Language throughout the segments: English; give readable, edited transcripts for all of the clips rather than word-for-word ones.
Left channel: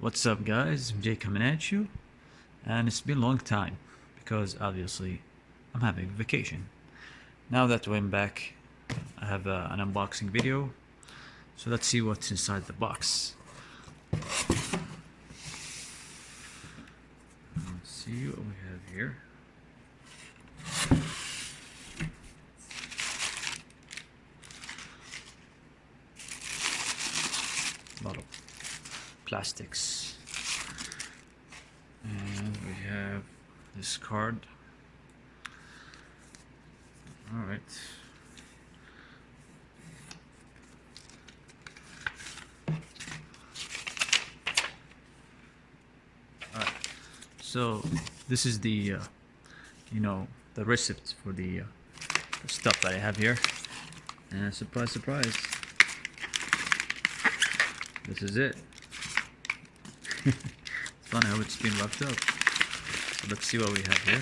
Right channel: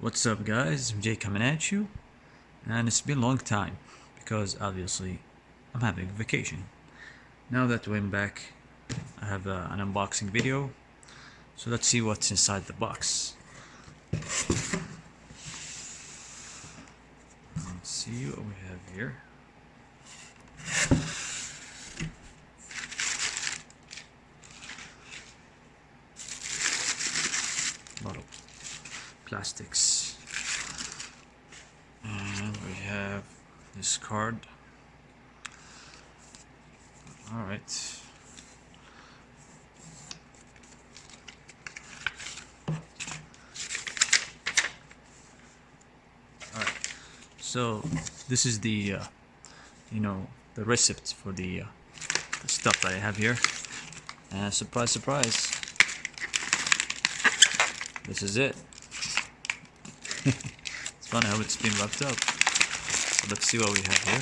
What's up, guys? MJ coming at you, and it's been a long time because obviously I'm having vacation. Now that I'm back, I have an unboxing video, so let's see what's inside the box. Let's see what we have here. A lot of plastics, and we have this card. All right. So this is the the recipe for the stuff that I have here, and surprise, surprise, this is it. It's funny how it's been wrapped up. So let's see what we have here.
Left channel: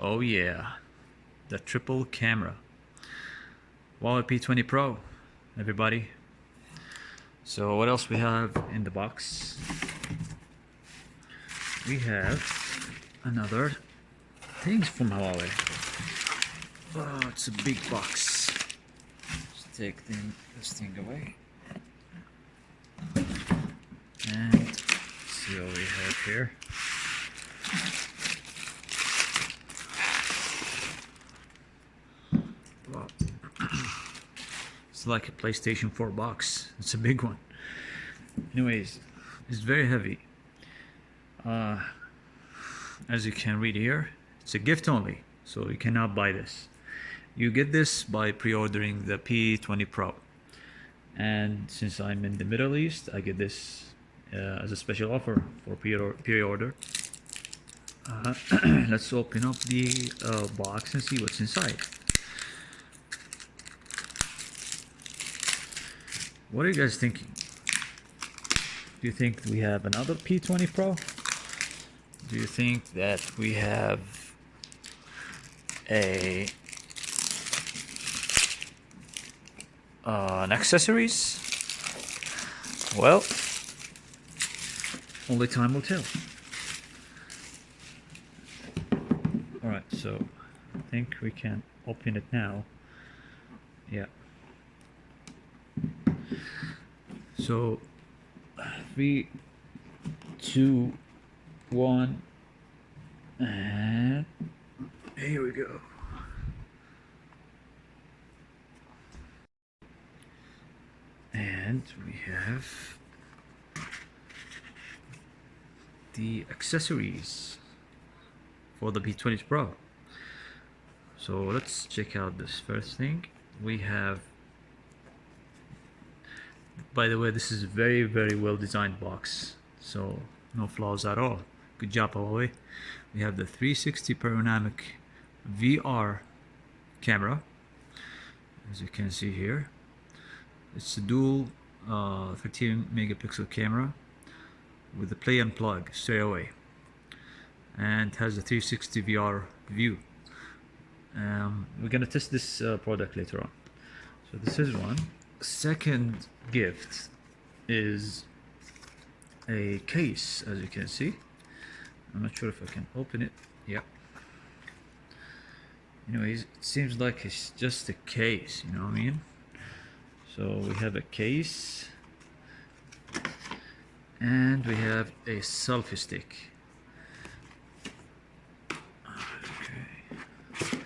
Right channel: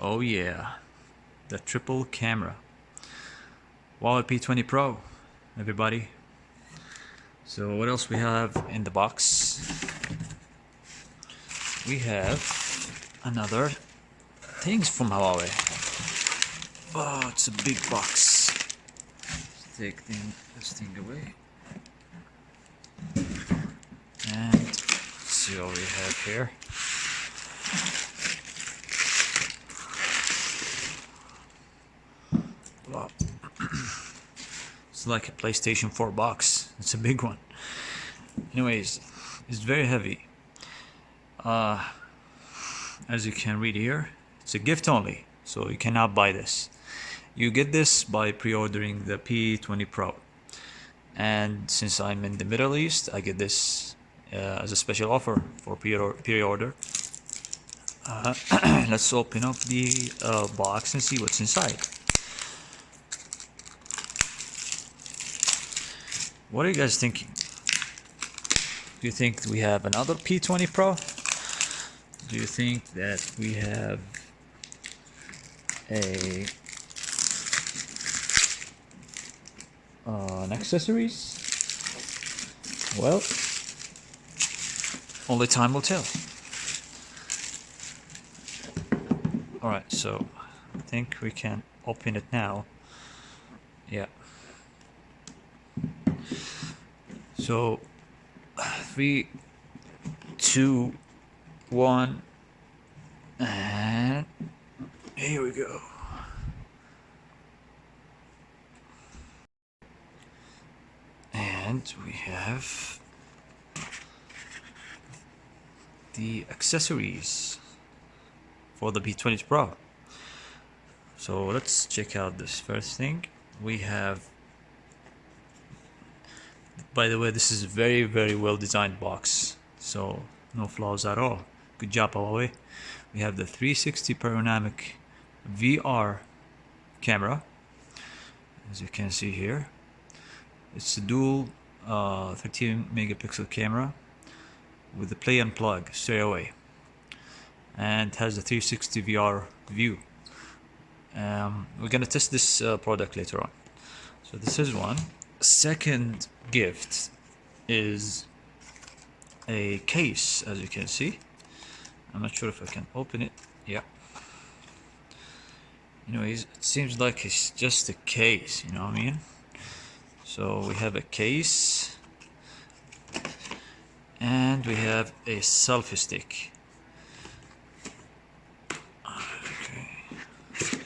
Oh yeah, the triple camera. Huawei P20 Pro, everybody. So what else we have in the box? We have another things from Huawei. Oh, it's a big box. Let's take this thing away. And let's see what we have here. Wow. It's like a PlayStation 4 box. It's a big one. Anyways, it's very heavy. As you can read here, it's a gift only, so you cannot buy this. You get this by pre-ordering the P20 Pro. And since I'm in the Middle East, I get this as a special offer for pre-order. Let's open up the box and see what's inside. What are you guys thinking? Do you think we have another P20 Pro? Do you think that we have an accessories? Well, only time will tell. Alright, so I think we can open it now. Yeah. So 3, 2, 1, and here we go. And we have the accessories for the P20 Pro. So let's check out this first thing. We have, by the way, this is a very, very well designed box, so no flaws at all. Good job, Huawei. We have the 360 panoramic VR camera, as you can see here. It's a dual 13 megapixel camera with the play and plug straight away, and has a 360 VR view. We're gonna test this product later on. So this is one. Second gift is a case, as you can see. I'm not sure if I can open it. Yeah. Anyways, it seems like it's just a case, you know what I mean? So we have a case, and we have a selfie stick. Okay.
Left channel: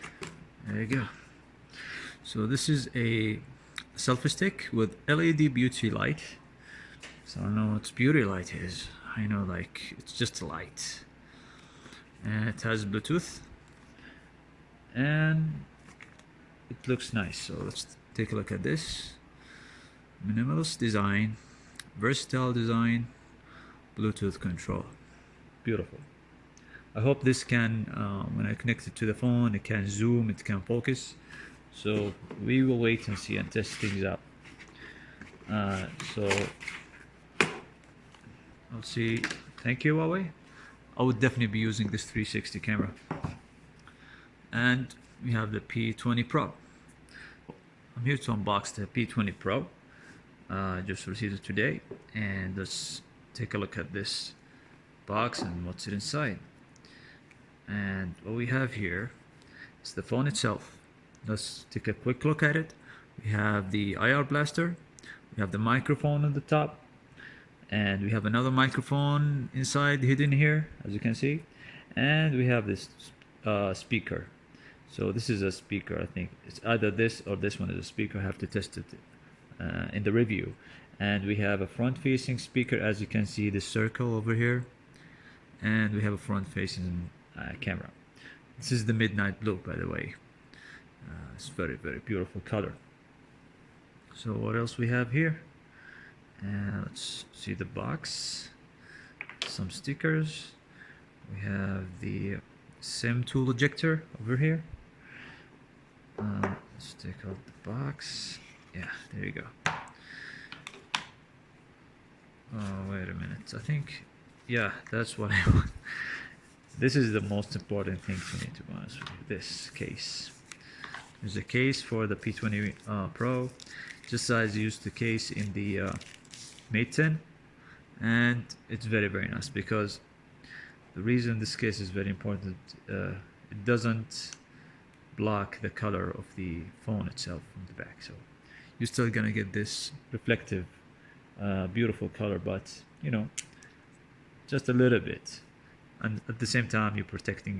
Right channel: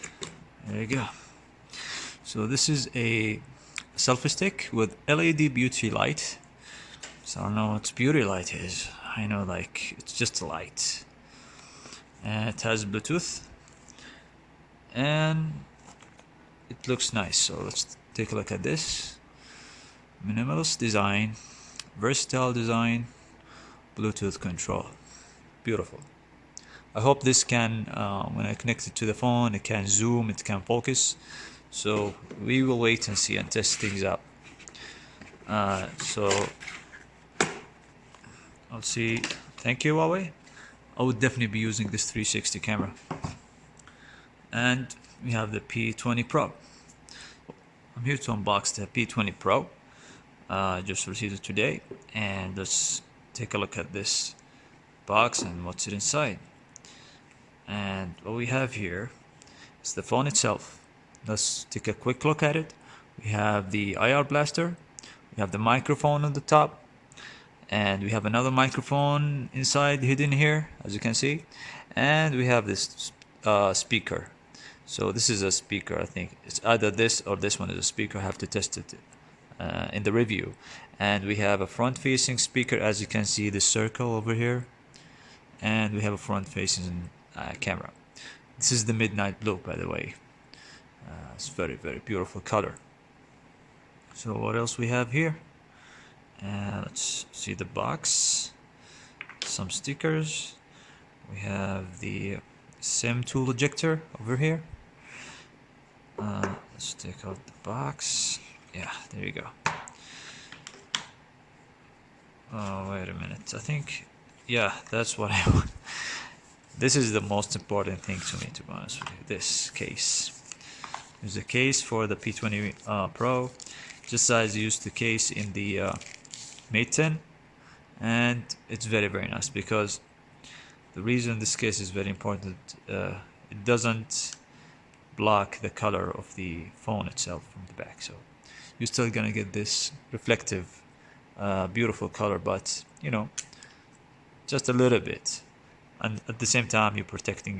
There you go. So this is a selfie stick with LED beauty light. So I don't know what beauty light is. I know, like, it's just a light. And it has Bluetooth, and it looks nice. So let's take a look at this. Minimalist design, versatile design, Bluetooth control. Beautiful. I hope this can, when I connect it to the phone, it can zoom, it can focus. So we will wait and see and test things out. So let's see. Thank you, Huawei. I would definitely be using this 360 camera. And we have the P20 Pro. I'm here to unbox the P20 Pro. Just received it today, and let's take a look at this box and what's it inside. And what we have here is the phone itself. Let's take a quick look at it. We have the IR blaster, we have the microphone on the top, and we have another microphone inside hidden here, as you can see, and we have this speaker. So this is a speaker. I think it's either this or this one is a speaker. I have to test it in the review. And we have a front-facing speaker, as you can see, the circle over here, and we have a front-facing camera. This is the midnight blue, by the way. It's very, very beautiful color. So what else we have here? Let's see the box. Some stickers. We have the SIM tool ejector over here. Let's take out the box. Yeah, there you go. Oh, wait a minute. I think, yeah, that's what I want. This is the most important thing to me, to be honest with you. This case. There's a case for the P20 Pro, just as I used the case in the Mate 10, and it's very, very nice, because the reason this case is very important, it doesn't block the color of the phone itself from the back, so you're still gonna get this reflective, beautiful color, but you know, just a little bit, and at the same time you're protecting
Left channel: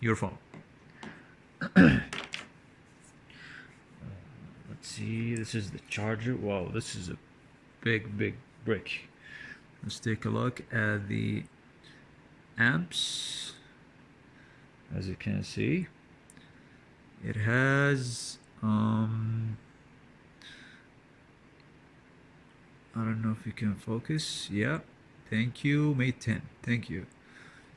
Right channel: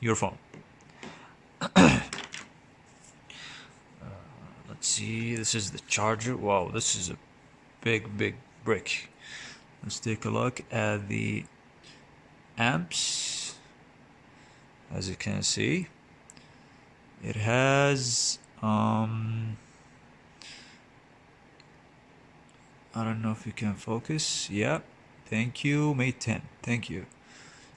your phone. Let's see, this is the charger. Wow, this is a big brick. Let's take a look at the amps. As you can see, it has I don't know if you can focus. Yeah, thank you, Mate 10, thank you.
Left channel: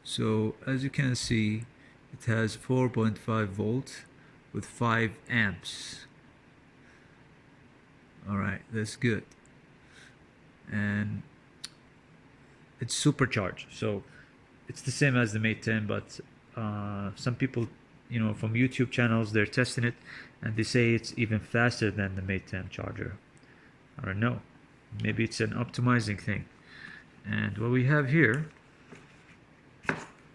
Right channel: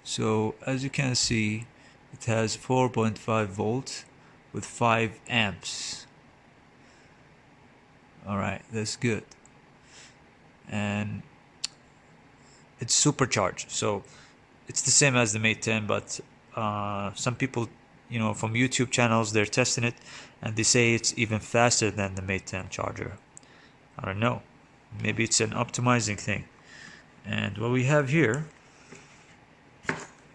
So as you can see, it has 4.5 volt with 5 amps. Alright, that's good. And it's supercharged, so it's the same as the Mate 10, but some people, you know, from YouTube channels, they're testing it and they say it's even faster than the Mate 10 charger. I don't know, maybe it's an optimizing thing. And what we have here,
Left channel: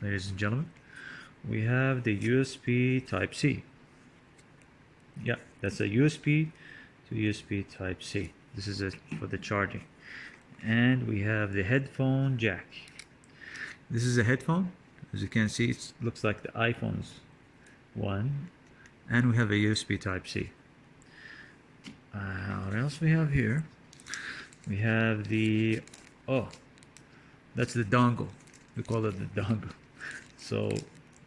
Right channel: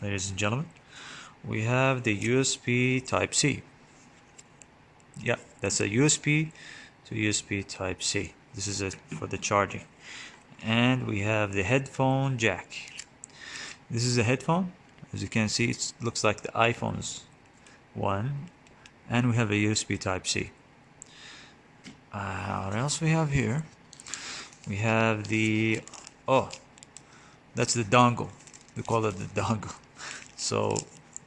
ladies and gentlemen, we have the USB Type-C. Yeah, that's a USB to USB Type-C. This is it for the charging. And we have the headphone jack. This is a headphone. As you can see, it looks like the iPhone's one. And we have a USB Type-C. What else we have here? We have the, oh, that's the dongle. We call it the dongle. So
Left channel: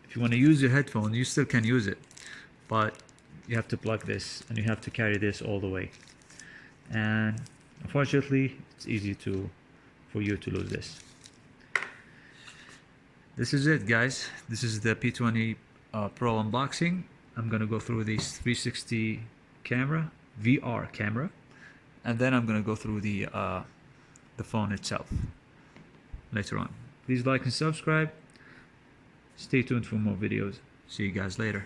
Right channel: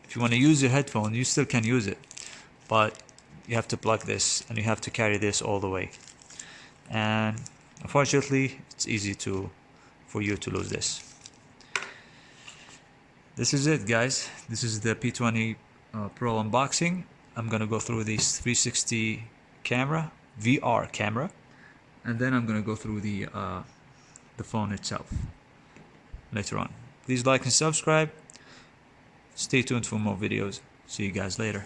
if you want to use your headphone, you still can use it, but you have to plug this and you have to carry this all the way. And unfortunately, it's easy for you to lose this. This is it, guys. This is the P20 Pro unboxing. I'm gonna go through this 360 camera, VR camera, and then I'm gonna go through the phone itself later on. Please like and subscribe. Stay tuned for more videos. See you guys later.